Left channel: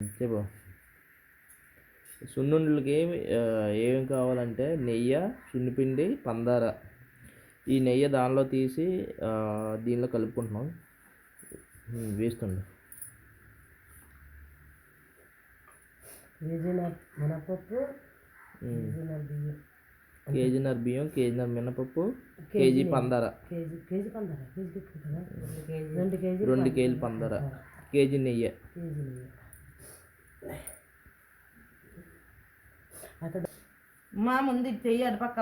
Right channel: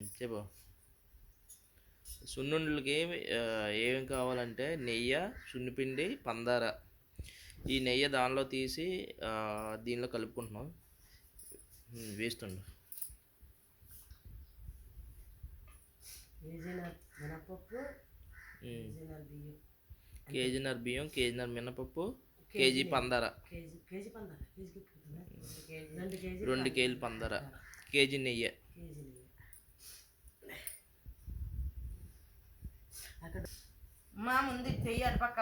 చెప్పు. సున్నుండలకి ఏం కావాలంటే నెయ్యి, సున్నిపిండి, పందార. ఈ నెయ్యి దానిలో తీసి దీనిలో కలుపుకుంటున్నాం. వేస్తుండు. కేజీన్నర బియ్యం, కేజీన్నర మినపప్పు, కేజీ పందార, 2 కేజీలు పందార, కేజీ నెయ్యి. మా ముందు చెయ్యి అటుపక్క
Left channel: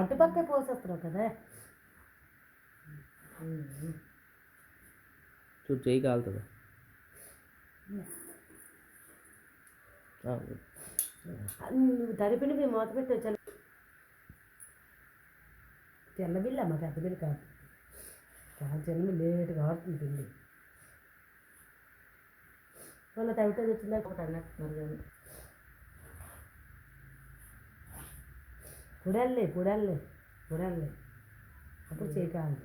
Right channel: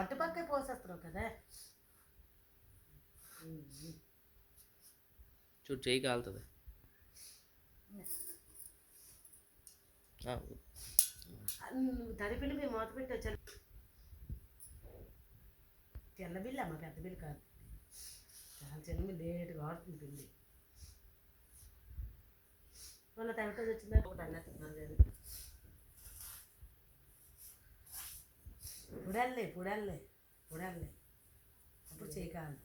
అటుపక్కే పోసేస్తున్నావు కదా. చూడు చెయ్యి కాలుతుంది. నువ్వు తడిపిండి మేము మూత పెట్టి వచ్చా. తెల్ల బిల్లు అమ్మ, పెద్ద బిల్లు కాదు. చాలా చిన్న లేటుగా ఆడుతుంది పిండి. వాళ్ళ తడితో వచ్చిందా ఒకటి అన్నేస్తున్నారు కానీ పొడల్లే అప్పుడు చేయకాలి.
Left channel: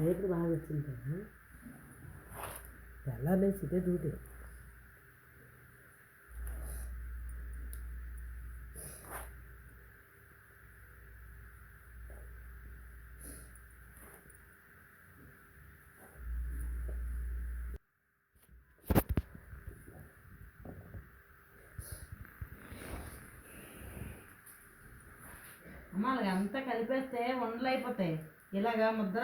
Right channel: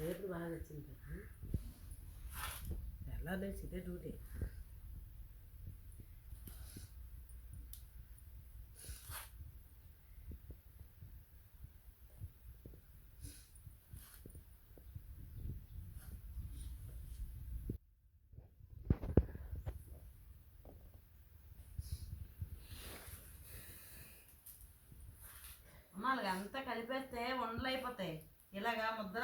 రేపు బాగా వచ్చింది కదా. తెల్లారి ఇదే డ్యూటీ. అమ్మ అలాగంతా కలిపేస్తే ఉండలు అయిపోతాయి. ఇలాగా ముద్ర